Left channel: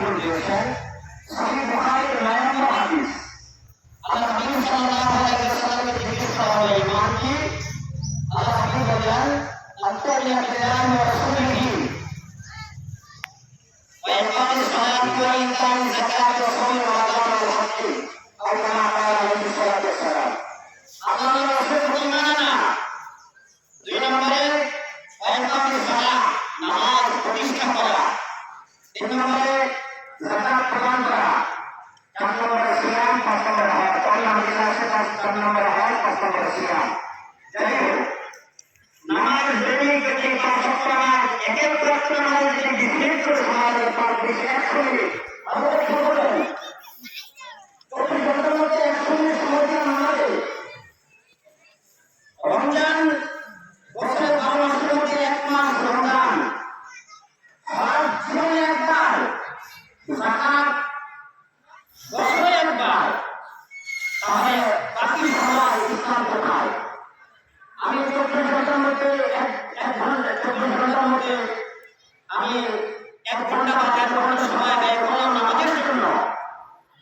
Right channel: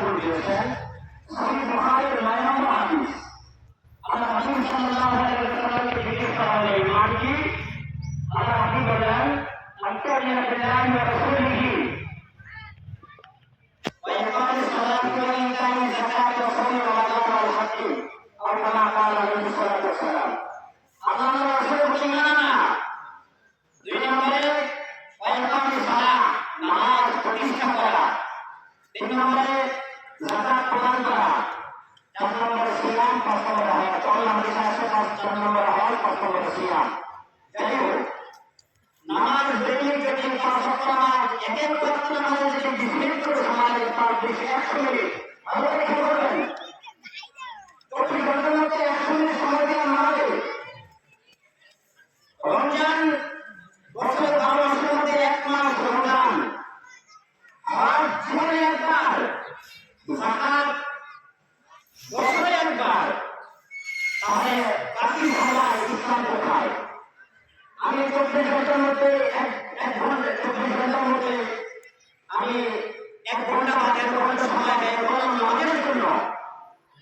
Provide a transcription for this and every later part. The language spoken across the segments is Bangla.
বয়ান দিয়েছেন সহিহ বুখারীর 9 নম্বর হাদিস। আল্লাহ হাবিব সাল্লাল্লাহু আলাইহি ওয়াসাল্লামকে জিজ্ঞেস করা হলো ঈমান কি? আল্লাহ হাবিব বলেন আনতুমিনা বিল্লাহি ওয়া রাসূলিহি ওয়া ইকামিস সালাতি ওয়া ইতাইজ যাকাতি ওয়া সাওমি রমাদান ওয়া হজ্জি আও কামা ক্বালা আলাইহি সাল্লাতু ওয়াস সালাম। আল্লাহর রাসূল ঈমান আনা। 2 নম্বরে ওয়া ইকামিস সালাত নামাজ প্রতিষ্ঠা করা। 3 নম্বরে যাকাত প্রদান করা। 4 নম্বরে সিয়াম, 5 নম্বরে হজ। তাহলে আমাদের কাছে 4 নম্বরে হজ, 5 নম্বরে সিয়াম। যাই হোক, নামাজ যদি 5 ওয়াক্ত নামাজ এক এক ওয়াক্ত নামাজ যদি ডিফারেন্ট করে সমাজে তার বেশি 100 মিনিট আল্লাহ কি বলেন 24 ঘন্টার মধ্যে 100 মিনিট সময় দেন নামাজে। রমজান বছরে 12 মাসের মধ্যে 1 মাস রমজান, হজ জীবনে একবার, যাকাত বছরে একবার, তাহলে বাকি সময় ইসলাম কোথায়? আমি 24 ঘন্টার মধ্যে 24 ঘন্টার মধ্যে আমি 1 ঘন্টা বা 1.5 ঘন্টা সময় ব্যয় করলাম নামাজের জন্য।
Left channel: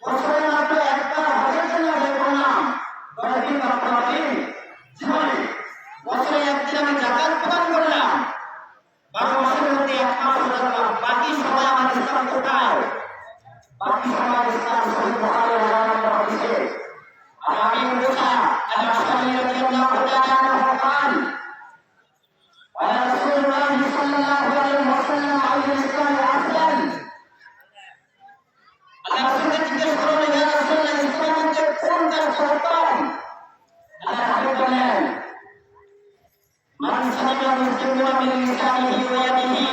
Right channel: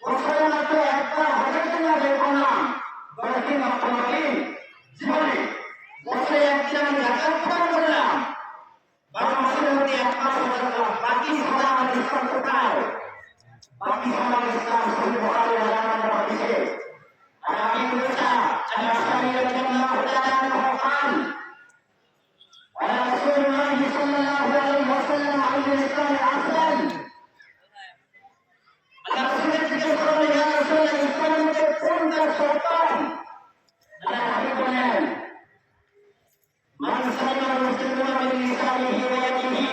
বছরে মাত্র একবার হজের জন্য ব্যয় করলাম 10 দিন বা 15 দিন জীবনে। বছরে একদিন আমি যাকাত প্রদান করলাম। 12 মাসের মধ্যে 1 মাস রোজা করলাম। বাকি সময় আমার ইসলাম কোথায়? বাকি সময় ইসলাম সহিহ বুখারীর 9 নম্বর হাদিসে আর আমি মুসা আল-আশআরী রাদিয়াল্লাহু তাআলা আনহু قال قال رسول الله صلى الله عليه وسلم على الإسلام أحسن। আল্লাহ রাসূলকে জিজ্ঞেস করলেন ইয়া রাসূলুল্লাহ ইসলামের মধ্যে কোন কাজ উত্তম? আল্লাহ হাবিব বললেন মান সালামা মুসলিমুনা মিন লিসানিহি ওয়া ইয়াদিহি,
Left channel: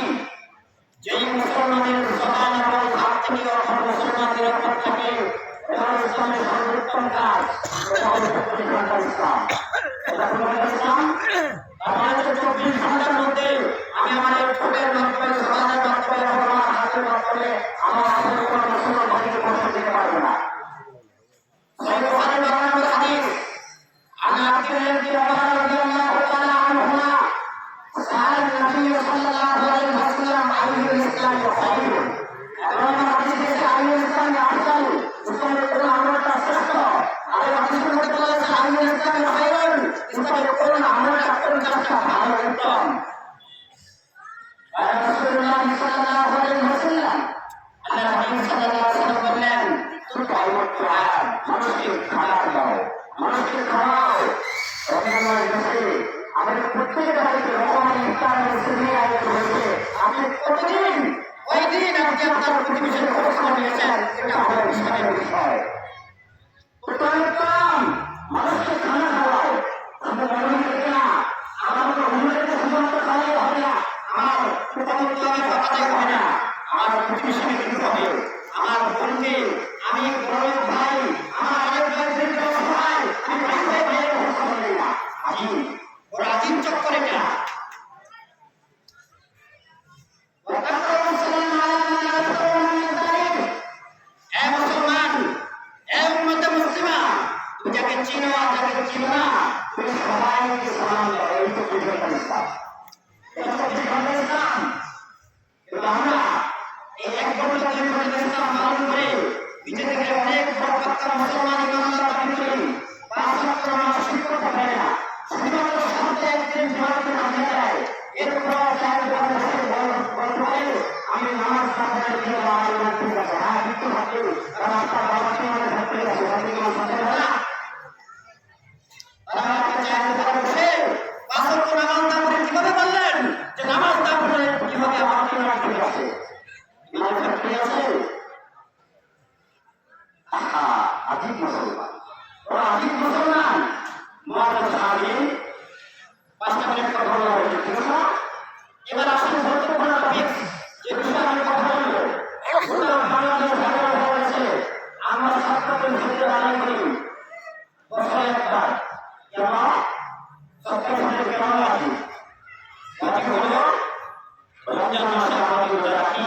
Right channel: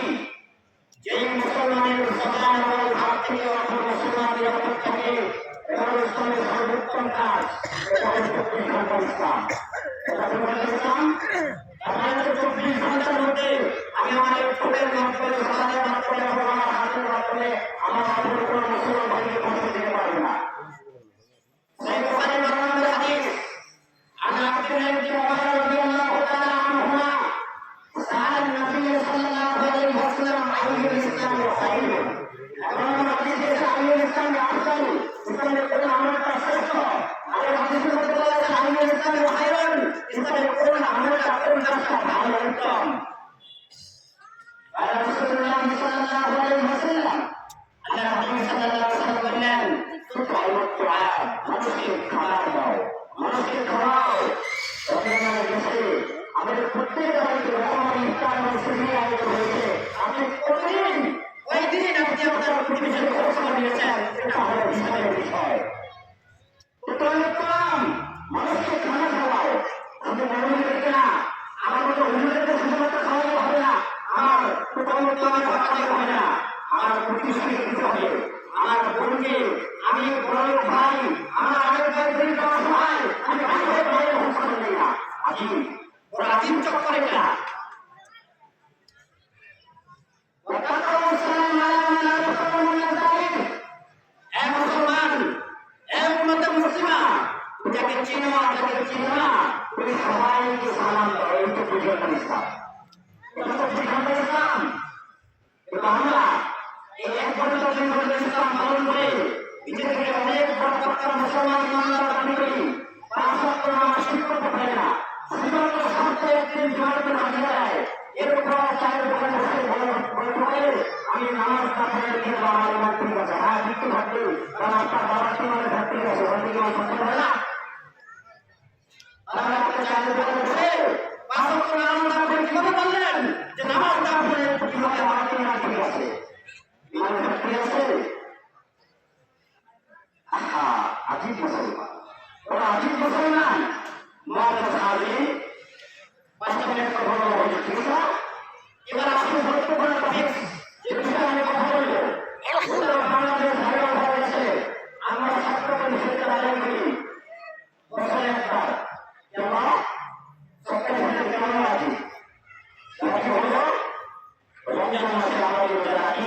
যেই মুসলমানের জবান এবং হাত থেকে অপর মুসলমান নিরাপদ থাকে এবং ইসলামের সর্বোত্তম কাজ ইসলাম। আমাদের 24 ঘন্টার মধ্যে আমি আমার এই ঠোঁটের মাধ্যমে, জবানের মাধ্যমে এবং আমার হাতের মাধ্যমে আমার হাতের কোনো মুসলমান ভাইকে কষ্ট দিতে পারবো না। সহিহ বুখারীর 12 নম্বর হাদিস عن عبد الله بن عمر رضي الله تعالى عنهما سأل النبي صلى الله عليه وسلم أي الإسلام خير؟ এবং হাদিসে আইয়ুল ইসলাম আফদাল, ইসলামের কোন আমলটা শ্রেষ্ঠ? আর হাদিসের মধ্যে বলা আছে আইয়ুল ইসলাম খায়রুন, ইসলামের কোন আমলটা, কোন কাজটা ভালো উত্তম? আর রাসূলুল্লাহ সাল্লাল্লাহু আলাইহি ওয়াসাল্লাম, আল্লাহ হাবিব সাল্লাল্লাহু আলাইহি ওয়াসাল্লাম বললেন তুতআউ দুআ, মানুষকে খাবার দাও, মানুষকে খাওয়াও। রমজানের মাসে আমাদের প্রত্যেক বাড়িতে রমজানের ইফতার মসজিদে আয়োজিত হয়েছে। আপনি প্রতিদিন ওই দিন আপনি আপনার প্রতিবেশীর খোঁজ খবর নিয়েছেন, এটা আমাদের ইসলামের বিষয়। উত্তম মানুষকে খানা খাওয়াও। আমরা মনে করি না আমার তো অন্যদেরকে শুধুমাত্র খাওয়াই হবে না, আমার প্রথমত আমার বাবাতে হবে না, আমার প্রতিবেশীকে দিতে হবে, আমার বোনকে, আমি বড় ভাই, আমার আরেক ভাই বোনকে অসহায়, আমি ভাই ভাই ভাইয়ের খোঁজ খবর নেই না। আজিব, ওরা আজিব চক্কর এটা। মুসলমান, মুসলিমা, তুমি যাকে চিনো আর যাকে চিনো না, তুমি সবাইকে সালাম দাও। এই তো বুঝলাম ইসলাম, ইসলাম। কিন্তু আমরা এই 1 ঘন্টা 2 ঘন্টা ইসলাম পালন করে নিচে থেকে অনেক বড় পাক্কা মুসলমান ইমানদার দাবি করি, 5 ওয়াক্ত নামাজ ঠিক করতে পারি না, শুধুমাত্র সপ্তাহে 1 দিন জুমাতে নামাজ দেয়। এরপর আমি নামাজ না পড়লে কি আমার ইমান ঠিক আছে? হ্যাঁ, ঠিক আছে, কারণ আপনার বাবা জীবনে ভর্তি আছে, ভর্তি কোনো সন্দেহ হবে না। তারা আমাকে চাইতে পারে বসে 5 ওয়াক্ত নামাজ না পড়ে কিভাবে বললেন যে নামাজ না পড়লে কিভাবে আমার ইমান ঠিক আছে? ইমান ভর্তি আছে। আজিব মুসলমান, ওরা আজিব মুসলমান। মুআজ্জাজ সাহাবী 5টা মিনিট কথা বলবো, ঠিক আছে? এবার আসুন গুরুত্বপূর্ণ টপিক, যে বিষয়ে আমি কথা বলবো। ওটা বাংলাদেশ ভালো হয়েছে, আমরা ছাত্রদের হিসেবে আয়োজন করি বছরে একবার। আমরা সরকারি হিসেবে কেন রাখি? রাখি হলো রমজান মাসে আমাদের রোজা রাখি।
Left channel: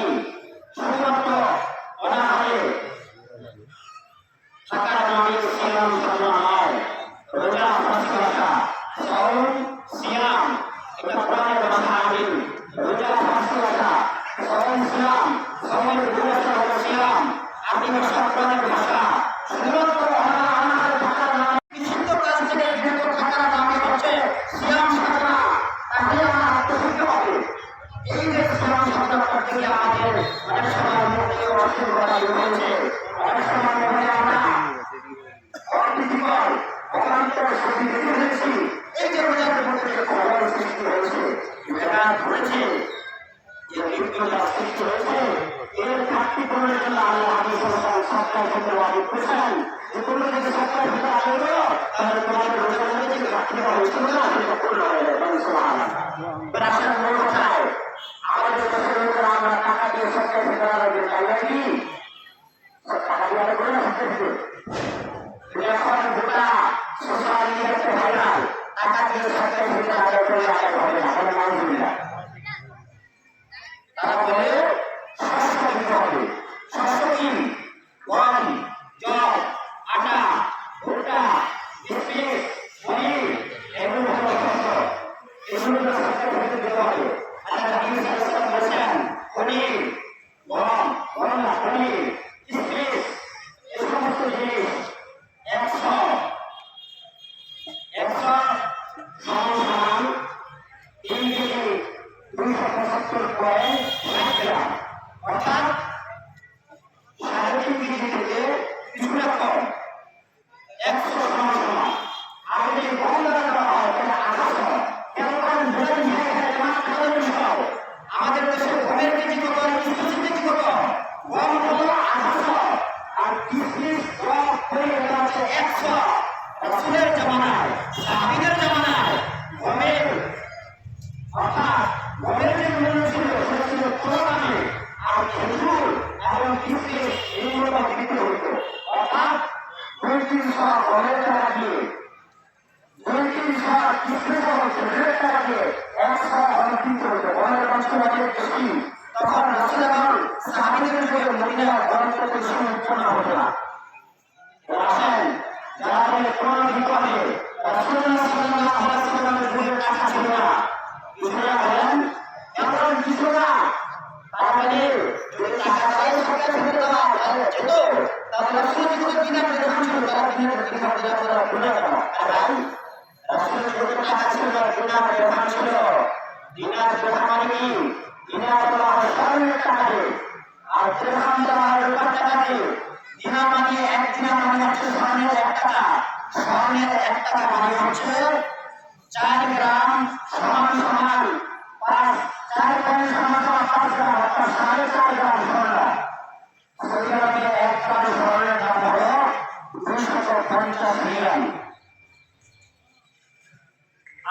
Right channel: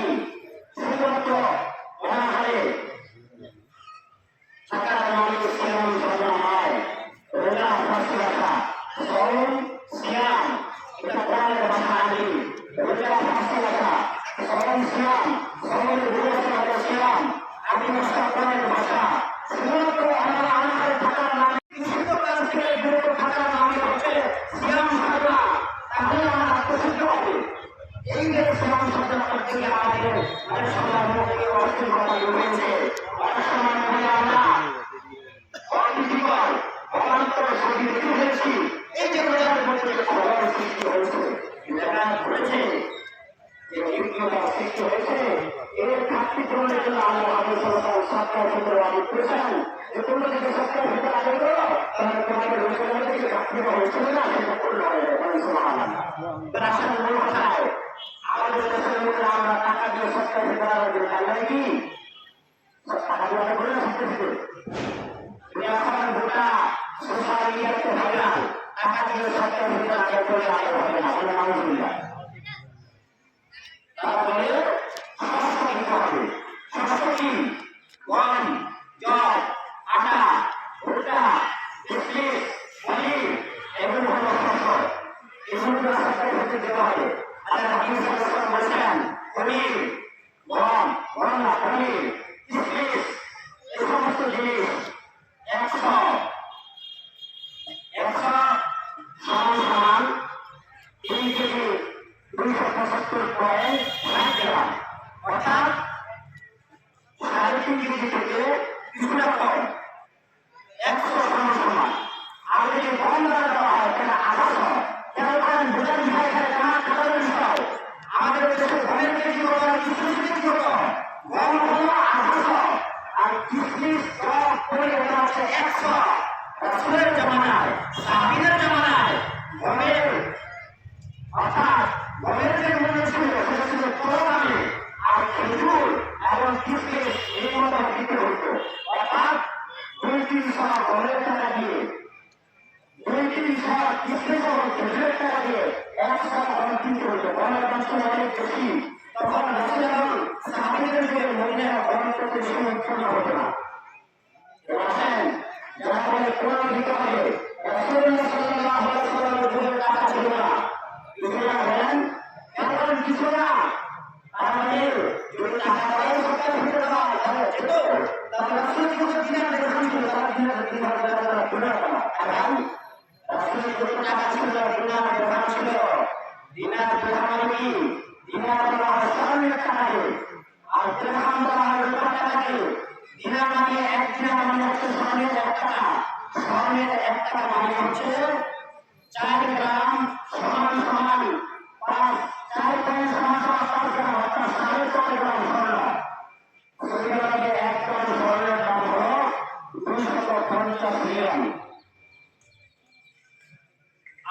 সৃষ্টি হয়েছে এলাকা ধরেছে যে লিপ্ততা সৃষ্টি হয়েছে এর ঘাটতি পূরণের জন্য আল্লাহ হাবিব সাল্লাল্লাহু আলাইহি ওয়াসাল্লাম ক্ষেত্রে ওয়াজিব করেছেন যে তোমরা যদি সত্যের ভিতরে আদায় করো তাহলে তোমাদের রোজার মধ্যে যে ঘাটতিটা হয়েছিল না সেটা পূর্ণ হয়ে যাবে সুবহানাল্লাহ। এবার আসলে মূল কথায় আমাদের দেশের লোকেরা আমরা টাকা দিয়ে সত্যের ভিতরে আদায় করি তাই কি টাকা দিয়ে আদায় করি না সত্যের ভিতরে এখন গোটা সোশ্যাল মিডিয়াতে ভাইরাল টাকা দিয়ে সত্যের ভিতরে আদায় করে আদায় হবে না বলে নাউজুবিল্লাহ। তারা বলে শস্য দিতে হবে। শস্য কি? গম, জব, আটা, ভুট্টা, কিশমিশ, পনির এগুলো হলো শস্য। এগুলো সরকার থেকে দেওয়া হবে। আল্লাহ নবী সাল্লাল্লাহু আলাইহি ওয়াসাল্লাম বলেছেন পনির, গম, পনির, কিশমিশ এই সমস্ত জিনিস 100 সমান 3 কেজি 275.5 গ্রাম অর্থাৎ 3.5 কেজি থেকে কিছুটা কম 100 সমান। আর যদি গম দ্বারা দেওয়া হয় তাহলে 800। কেন কারণ আমাদের দেশে গমের কেজি কত আর কিশমিশের কেজি কত? গম হলো 800 আর কিশমিশ হচ্ছে 100। রাসূলের জামানায় সাহাবীদের জামানায় গমের অর্থাৎ গমের যে মূল্য ছিল সেটা ছিল কত দামে আর খেজুর এবং কিশমিশ এগুলো বিক্রি হতো অর্থাৎ 2-300 গমের টাকা দিয়ে 2-300 কিশমিশ এবং খেজুরের টাকা দিয়ে 100 গম কিনতে হতো। গমের দাম ছিল অনেক বেশি। তখন রাসূল এবং সাহাবীদের যুগে মদিনায় গম করতে বেশি উৎপন্ন হতো না। আসেন যারা বলে কোরআন দিতে হবে রাসূলুল্লাহ সাল্লাল্লাহু আলাইহি ওয়াসাল্লামের যুগে টাকা ছিল না। বিশুরা বলেন এমন কিছু না। তারা বলে যদি টাকা দেয় সরকার ফেরত দেওয়া তাহলে যেত তাহলে রাসূল যুগে দিনার দেওয়া ছিল তারা দিনার তারা গুণা কেন? আরে ভাই রাসূলের যুগে টাকা ছিল না দিনার দেওয়া ছিল। দিনার দেওয়া মানে কি? দিনার দেওয়া হয় স্বর্ণের টাকা দিয়ে আর দিরহাম দেওয়া হয় রূপার টাকা দিয়ে। দিনার মানে 1 দিনার মানে হচ্ছে স্বর্ণের 1 টাকা। স্বর্ণের 1 টাকা মানে হচ্ছে 4 গ্রাম সমান 4 গ্রাম সমান 5 গ্রাম অর্থাৎ 4.5 গ্রাম স্বর্ণ। সেখানে 1 গ্রাম স্বর্ণের দাম হলো 250 রিয়াল।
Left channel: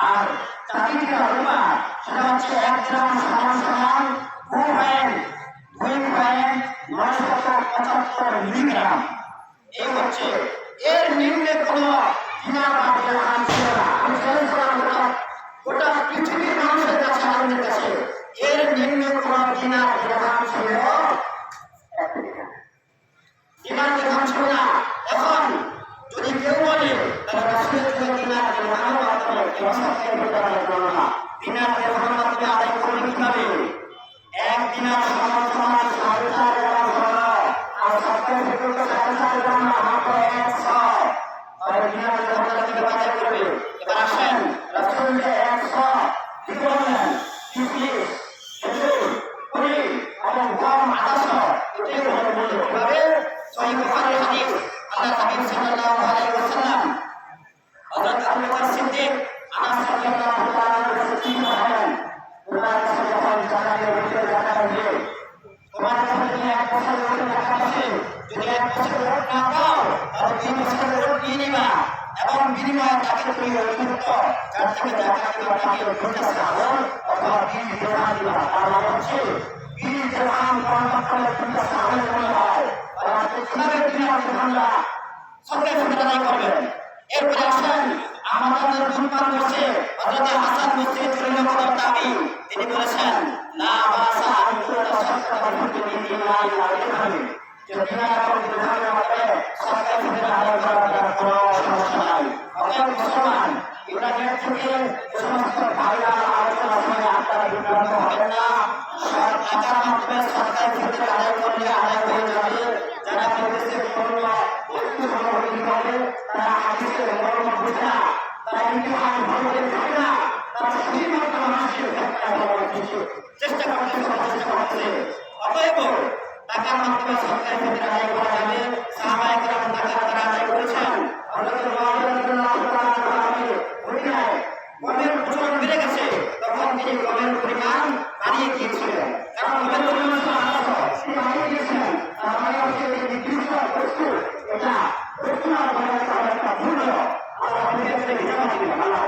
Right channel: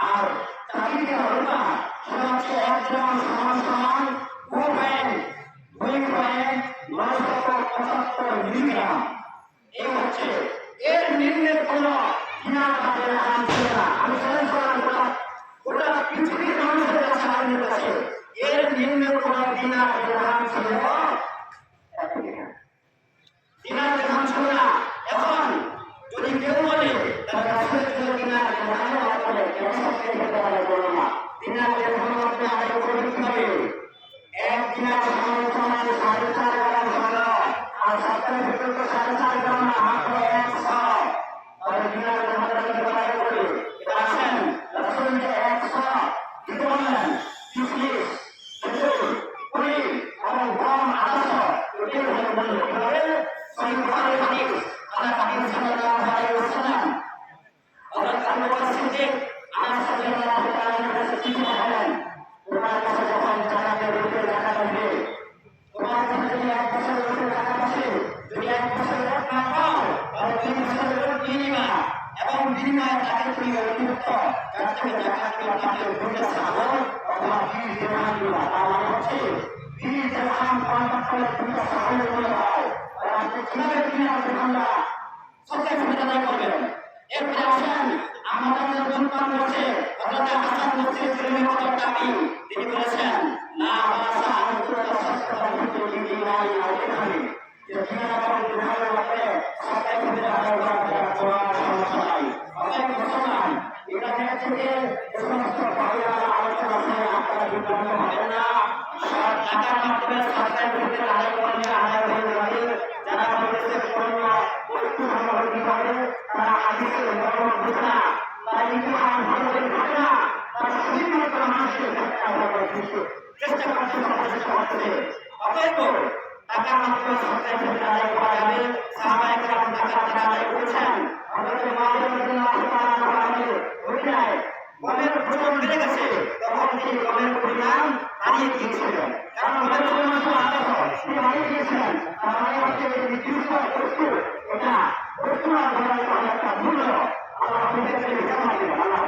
আর চাঁদির রূপা সেটা হচ্ছে 1 গ্রাম সমান 2.975 মিলিগ্রাম। এই হচ্ছে এর নিম্নে কোন দিনার বা দিরহাম ছিল না। আমি চ্যালেঞ্জ করলাম গোটা পৃথিবীর মানুষের কাছে আমাদের কাছে এর নিম্নে কোন দিনার দিরহাম ছিল দিনার দিরহাম ছিল না। এখন যদি কেউ বলে তাহলে রাসূলের যুগে দিনার দিরহাম মাধ্যমে কেউ সত্যের ভিতরে আদায় করলো না। দিনার দিরহাম মাধ্যমে আদায় করবে কিভাবে? 1 দিনার সমান 4.5 গ্রাম স্বর্ণ আর সত্যের ভিতরে 4.5 গ্রাম না মাত্র 100। তাহলে দিনার দিরহাম তারা কিভাবে আদায় করবে? এবার আসেন রাসূল যে 100 কি বললেন? কিশমিশ, খেজুর, পনির এবং গম 800 এটাই বললেন। কিভাবে? সহিহ বুখারীর হাদিস আল্লাহ হাবিব সাল্লাল্লাহু আলাইহি ওয়াসাল্লাম হযরত আবু বকর সিদ্দিক আনাস রাদিয়াল্লাহু তাআলা আনহু কাছে জিজ্ঞাসা করেন তোমার কাছে যখন জাকাতের ভিতরে টাকা থাকে তোমার কাছে যদি 1 বছরের ভিতরে টাকা আছে যদি 1 বছরের নোট না পাও তাহলে 2 বছরের নোট নিয়ে নিবা এবং বিনিময়ে তাকে তুমি অতিরিক্ত যার থেকে জাকাত দিবা তাকে 2টা ছাগল অথবা 20 দিরহাম দিবা। তার মানে হচ্ছে 20 দিরহাম কনভার্ট করলে 2টা ছাগল মূল্য হয়। তাহলে কিভাবে দিনার দিরহামটা সরকার ফেরত আদায় করবেন? এরপরে আসেন আমাদের ধূমপান করছে হযরত হাসান বসরি রাদিয়াল্লাহু তাআলা তিনি বলেছেন লা বাসা আন তুরা সাদকাতুল ফিতরি দিনারি ওয়া দিরহামি। যে দিনার এবং দিরহামের মধ্যে সরকার ফেরত আদায় করার কোনো সমস্যা নাই। অতএব মুসলমান ইন্টারনেট থেকে সমস্ত ভাইরাল আলোচনা শুনে আপনারা বিভ্রান্ত হবেন না। সব টাকার মাধ্যমে সরকার ফেরত আদায় করলে আদায় হয়ে যাবে। যারা বলতেছে অন্য বস্তু সংগ্রহ করে তারা হাদিসের মর্ম বুঝে না, তারা ইতিহাস ভালো করে জানে না, তারা শুধুমাত্র মানুষের চেষ্টা করতেছে। অতএব টাকার মাধ্যমে সরকার ফেরত আদায় করা যাবে। সাহাবায়ে কেরাম টাকা তারা আদায় করেছেন। হযরত মুআবিয়া রাদিয়াল্লাহু তাআলা আনহু মদিনায় গমের প্রচলন বেড়ে গেছে তখন তিনি গমের পরিমাণ বাড়িয়ে দিয়েছিলেন, কারণ গমের পরিমাণ ছিল 800, তিনি বাড়িয়ে দিয়েছিলেন। তার মানে হচ্ছে যে এই 200 বস্তু এটা বর্তমান বাজারে তার একটা মূল্য আল্লাহ আমাদেরকে হিসাব দিবেন। আল্লাহ